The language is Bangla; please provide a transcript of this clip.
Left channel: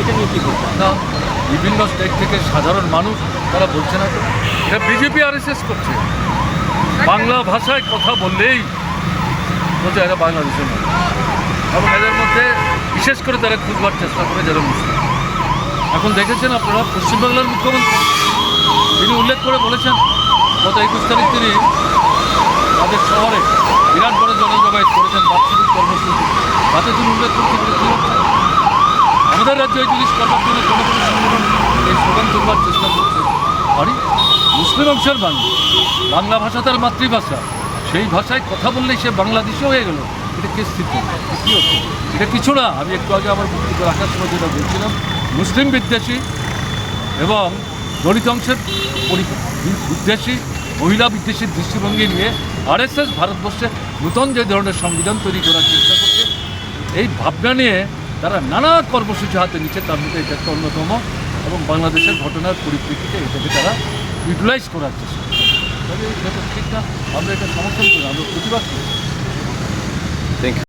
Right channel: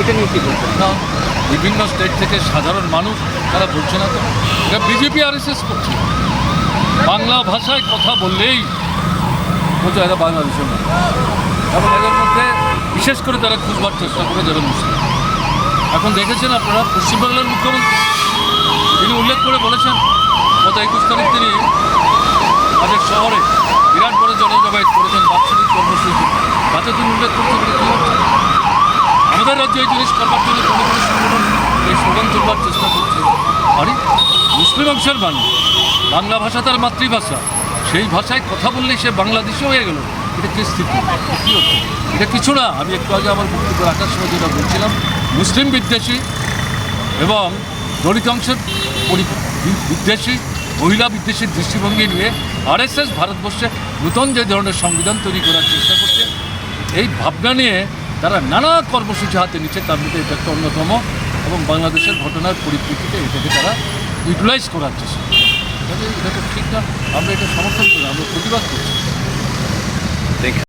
এটা নিয়ে কি না, বিভিন্ন স্টেট থেকে সাধারণ মানুষ, তারা বলছে না তো। এটা বিজেপি আর করছে। বাংলা ভাষায় কথা বললেই বলছে, এরা বাংলাদেশের মানুষ। এবং এদের মধ্যে বিশেষ করে তারা খুঁজবার চেষ্টা করে যারা মুসলিম। এখন দেখেছেন আপনারা পশ্চিমবাংলার মুখ্যমন্ত্রী, তিনি উল্লেখ করে বলেছেন, গত একুশ তারিখ তিনি তাদের শহরে বিরাট বড় জনজমায়েত করেছেন বাৎসরিক কর্মসূচি। তাতে তিনি উল্লেখ করছেন কী হচ্ছে? আমাদের রাজ্যে এই জিনিস করবার জন্য কোনো কোনো সংগঠন এই স্লোগান তুলবার চেষ্টা করছে। আরে, মুসলিম অংশের মানুষ বাংলা ভাষা তার মাতৃভাষা। সেই ভাষায় কথা বললেই সে বাংলাদেশি হয়ে গেল। এটা কি স্থিতি কী হচ্ছে এটা কিছু না। আমি একটু আগে আমার বক্তব্য রাখার সময় যেটা বলছিলাম, মুসলিম বিদ্বেষী এবং দলিত অংশের বিদ্বেষী, মহিলা বিদ্বেষীর দৃষ্টিভঙ্গি নিয়ে আরএসএস, ভারতবর্ষে নূতন যে ধরনের সংবিধান তৈরি করার চেষ্টা করছে, এই ভাবনা নিয়ে তারা নানা কর্মসূচি হাতে নিচ্ছে, তার মধ্যে এটা একটা অন্যতম। এবং বাংলাদেশের ঘটনার পরিপ্রেক্ষিতে এটাকে তারা ইউটিলাইজ করার চেষ্টা করছে। এটা তো ঠিক না আমরা এটা সমর্থন করি, আমরা প্রতিবাদ করি।